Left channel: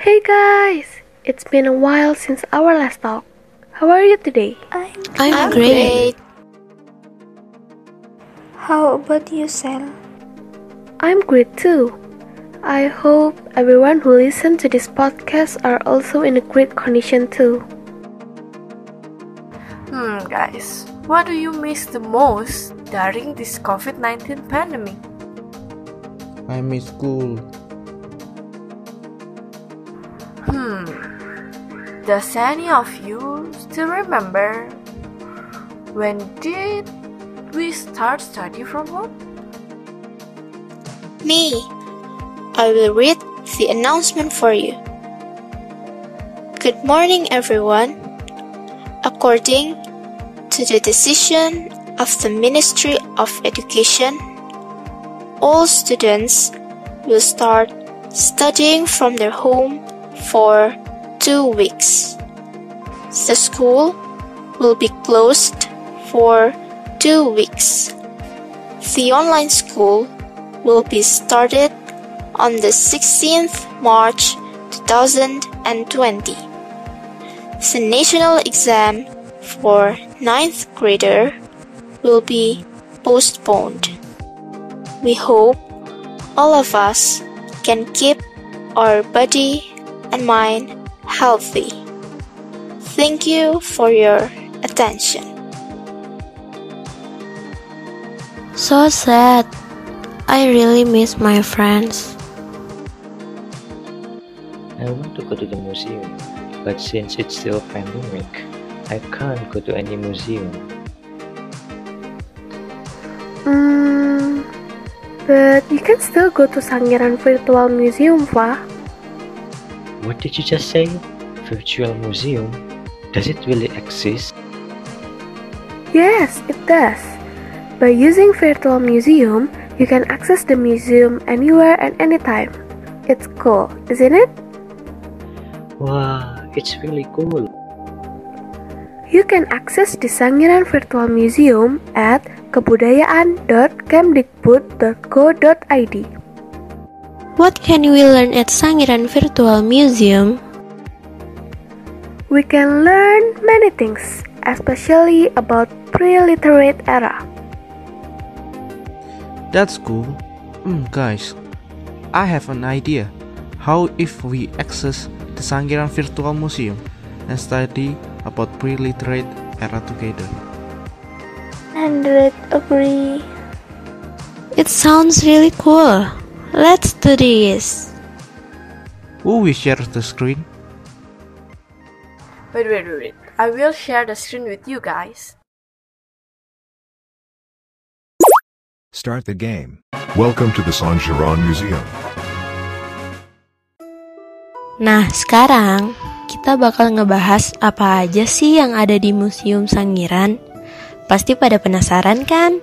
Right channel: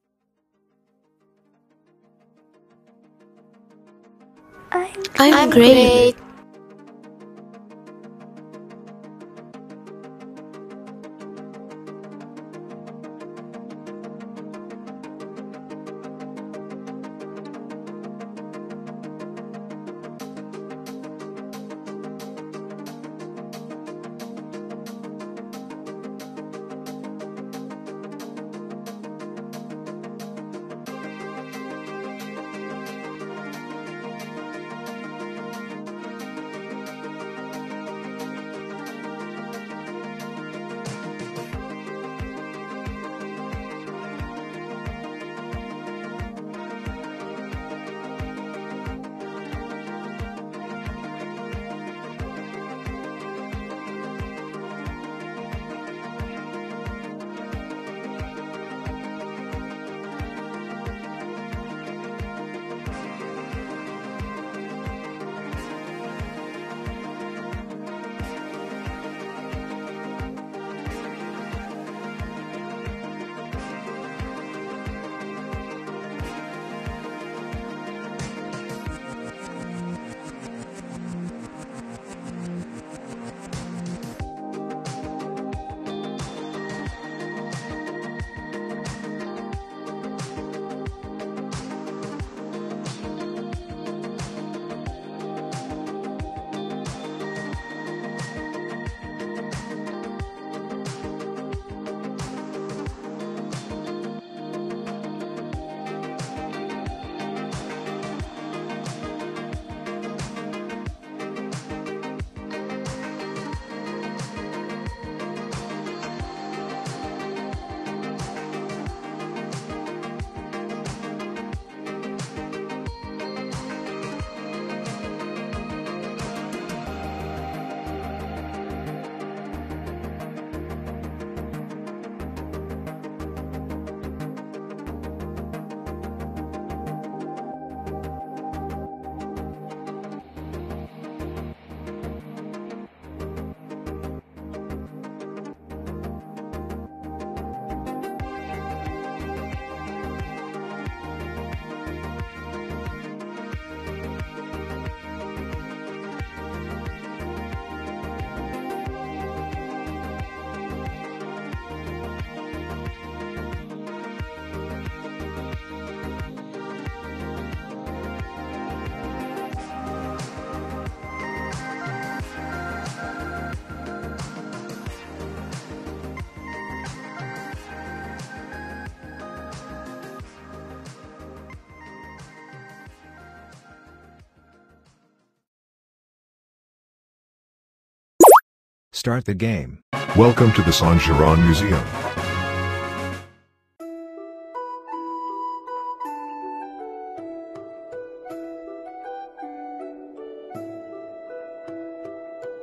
Hey guys! It's been a while since our last talk. How are you today? I'm great. How about you, Sel? I'm great too. I hope everyone who listens to this podcast are also in a great condition too. Guys, what do you miss the most during this COVID-19 pandemic? I miss school. Does any of you still remember when did we start study from home? Me. I will read the announcement for you. Good morning, everyone. According to the decision of the Ministry of Education, all students will start studying from their home for 2 weeks. The school will be closed for 2 weeks. The online school will be started on the 16th March 2020. The national exam for 9th grader will be postponed. We hope all of us can keep our body and mind healthy. Thank you for your attention. So sad. I really miss my friends. I want to go to the museum, but since it's still pandemic, I can't go to any museum. But you can still go to Sangiran Virtual Museum, Fa. What did you just say? Virtual museum? Does it really exist? Yes, it does. By using Virtual Museum, you can access the museum anywhere and anytime. It's cool, isn't it? Wow, it's really cool. You can access the Sangiran Virtual Museum at kebudayaan.kemdikbud.go.id. What can we learn at Sangiran Virtual Museum? We can learn many things, especially about pre-literate era. That's cool. Guys, I have an idea. How if we access the Sangiran Virtual Museum and study about pre-literate era together? 100 agree. It sounds really cool. Let's do this. Who will share the screen? Wait. I will share the screen with you guys. Start the game. Welcome to the Sangiran Museum. Nah, sekarang kita bakal ngebahas apa aja sih yang ada di Museum Sangiran. Pasti pada penasaran kan?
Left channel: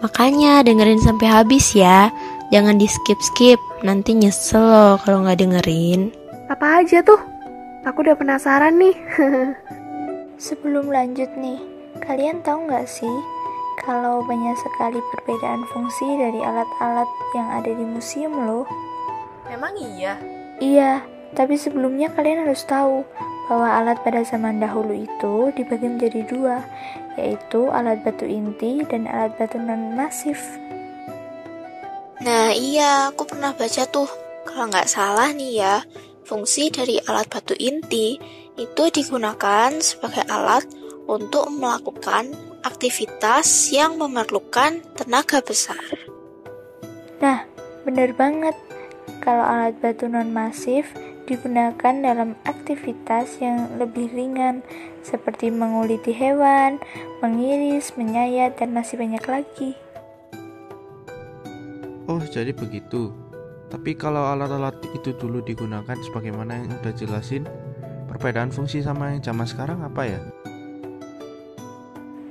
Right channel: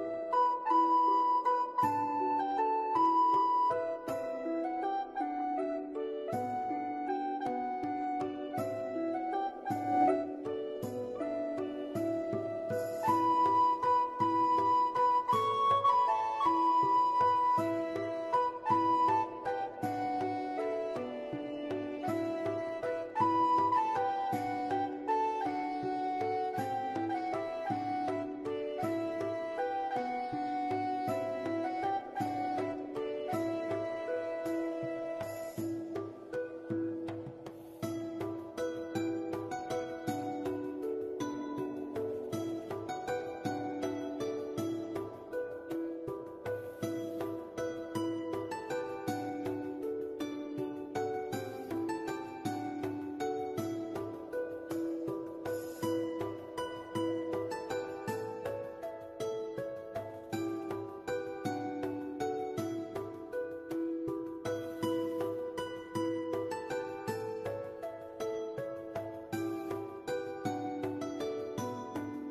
Makanya dengerin sampai habis ya. Jangan di skip-skip, nanti nyesel loh kalau nggak dengerin. Apa aja tuh? Aku udah penasaran nih. Sebelum lanjut nih, kalian tahu nggak sih kalau banyak sekali perbedaan fungsi dari alat-alat yang ada di museum loh? Emang iya? Iya, tapi sebelumnya kalian harus tahu bahwa alat pada zaman dahulu itu dibagi menjadi 2, yaitu alat batu inti dan alat batu non-masif. Nah iya, aku pernah baca tuh. Kalau nggak salah nih ya, fungsi dari alat batu inti itu digunakan sebagai alat untuk melakukan aktivitas yang memerlukan tenaga besar. Nah, benar banget. Kalau alat batu non-masif digunakan dalam aktivitas yang lebih ringan seperti menguliti hewan, mengiris, menyayat, dan masih banyak lagi. Oh, jadi begitu. Tapi kalau alat-alat itu dulu digunakan sebagaimana yang udah jelasin, perbedaan fungsi sama yang zaman sekarang apa ya?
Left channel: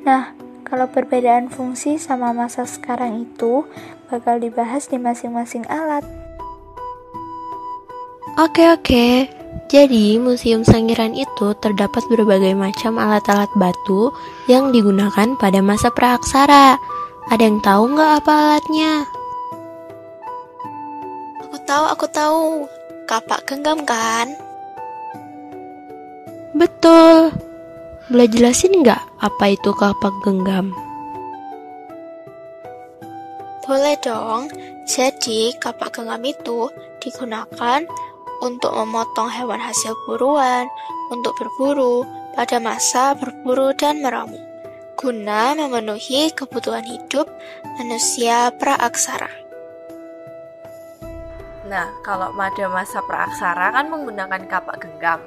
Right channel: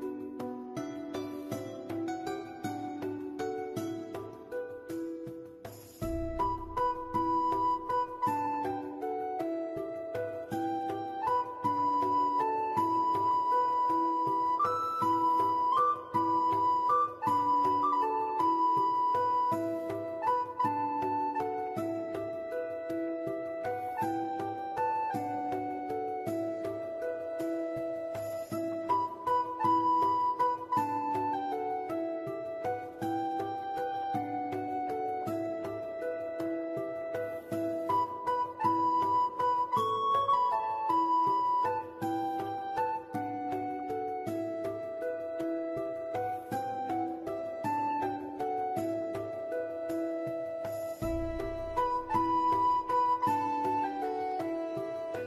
Nah, kalau perbedaan fungsi sama masa sekarang itu bakal dibahas di masing-masing alat. Oke. Jadi, Museum Sangiran itu terdapat berbagai macam alat-alat batu yang digunakan pada masa praaksara. Ada yang tahu nggak apa alatnya? Aku tahu. kapak genggam kan? Betul. Boleh jelasin nggak apa itu kapak genggam? Boleh dong. Jadi, kapak genggam itu digunakan untuk memotong hewan hasil buruan, untuk berburu pada masa berburu dan meramu, guna memenuhi kebutuhan hidup manusia praaksara. Nah, kalau pada masa praaksara kan menggunakan kapak genggam.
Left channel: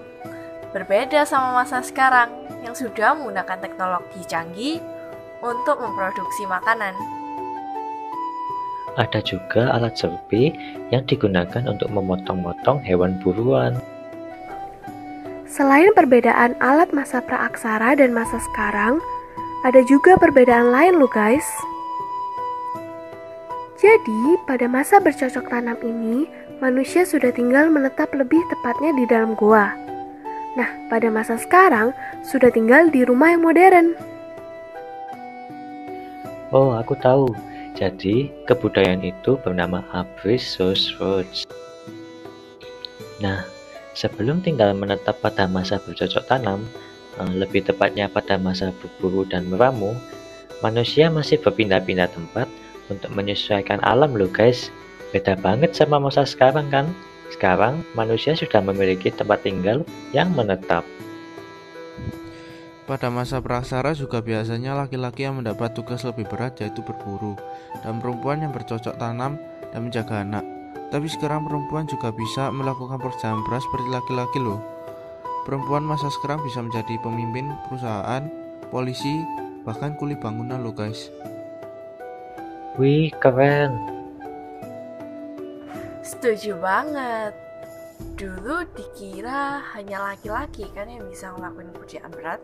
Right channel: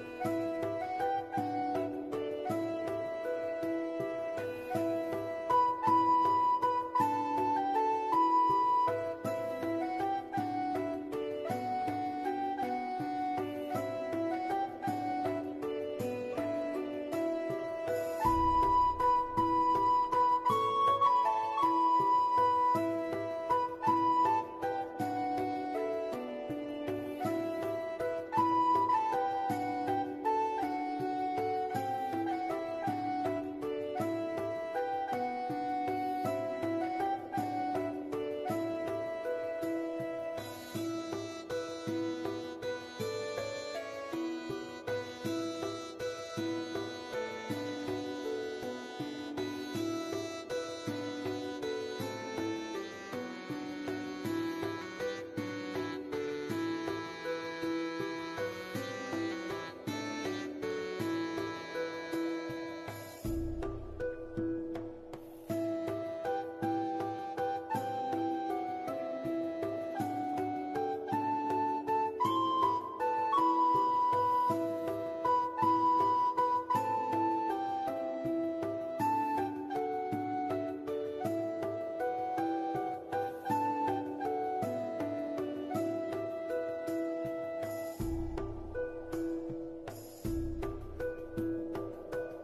Berbeda sama masa sekarang yang sudah menggunakan teknologi canggih untuk memproduksi makanan. Ada juga alat serpi yang digunakan untuk memotong-motong hewan buruan. Selain perbedaan alat masa praaksara dan masa sekarang, ada juga perbedaan lain loh guys. Jadi, pada masa bercocok tanam ini, manusia sudah tinggal menetap lebih tepatnya di dalam gua. Nah, pada masa sekarang, sudah tinggal di rumah yang modern. Oh, aku tahu. Jadi, kebudayaan itu bernama Abrisource. Nah, sebelum tinggal menetap pada masa bercocok tanam, lebih tepatnya pada masa berburu dan meramu, manusia masih berpindah-pindah tempat untuk menyesuaikan alam loh guys. Beda banget sama masa sekarang kan? Sekarang, manusia sudah memiliki tempat tinggal yang menetap. Pada masa praaksara juga biasanya laki-laki yang mendapat tugas lebih berat yaitu berburu, dan perempuan yang bercocok tanam dan menjaga anak. Tapi sekarang perempuan juga bisa melakukan pekerjaan berat seperti laki-laki loh. Perempuan masa sekarang bisa menjadi pemimpin perusahaan, polisi, bahkan kuli bangunan loh guys. Wih, keren. Setuju banget. Dulu dikira hanya laki-laki kan yang bisa ngelakuin pekerjaan berat.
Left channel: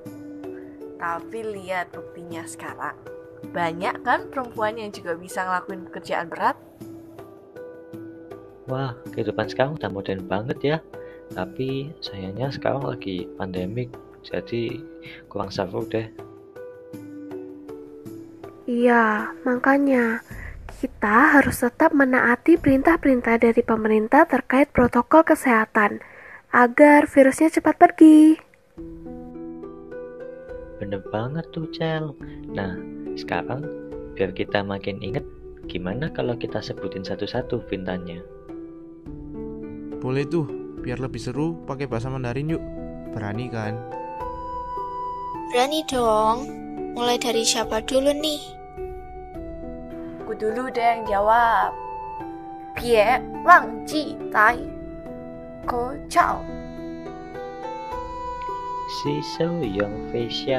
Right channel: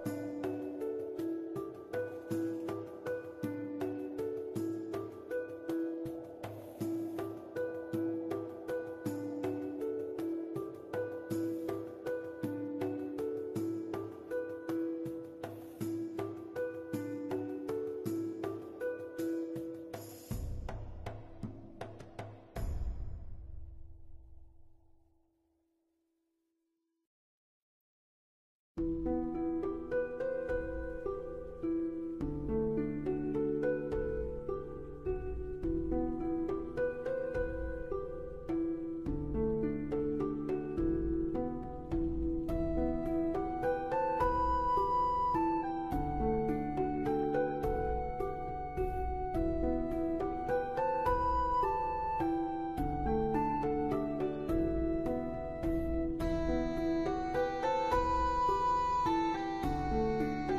Tapi lihat buktinya sekarang. Banyak kan perempuan yang juga bisa ngelakuin pekerjaan berat? Wah, kehidupan sekarang udah modern banget ya. Tapi sayangnya sekarang lagi pandemik, jadi kurang seru deh. Iya, makanya kita harus tetap menaati perintah-perintah dari pemerintah terkait protokol kesehatan agar virusnya cepat pergi. Bener banget tuh, Cel. Nah, sekarang biar kita makin inget, gimana kalau kita sebutin satu-satu perintahnya? Boleh tuh, biar lebih seru pakai bahasa Mandarin yuk. Berani kan? Berani dong. Mulai dari siapa dulu nih? Aku dulu deh yang jawab. Bie lang ji tai ko chao. 洗手用微笑。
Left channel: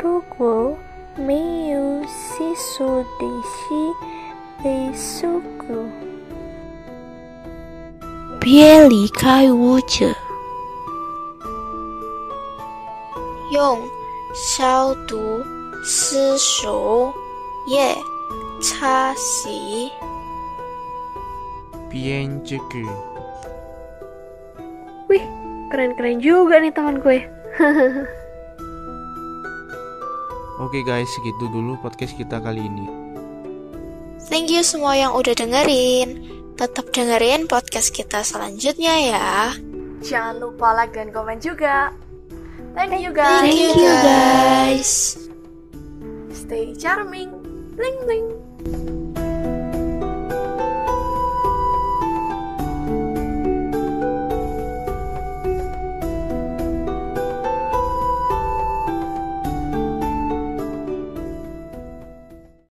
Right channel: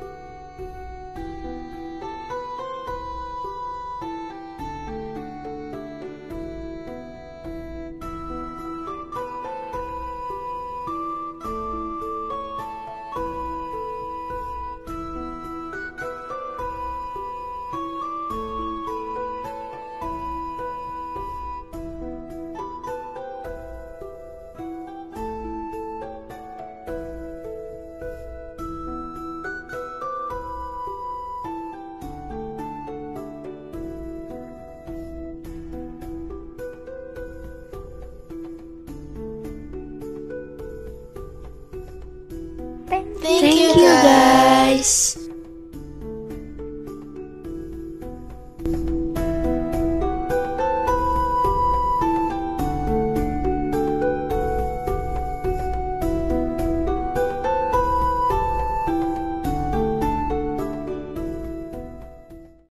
如果没有洗手的洗被手骨，别离开我这。用消毒湿手液擦洗。 Bien juga. Wih, keren-keren juga nih teman gue. Oke guys, segitu dulu podcast kita kali ini. Thank you semua yang udah dengerin. Tetap dengerin podcast kita selanjutnya ya. Jangan lupa like dan komen juga. Thank you Thank guys. you guys. Stay charming. Bling bling.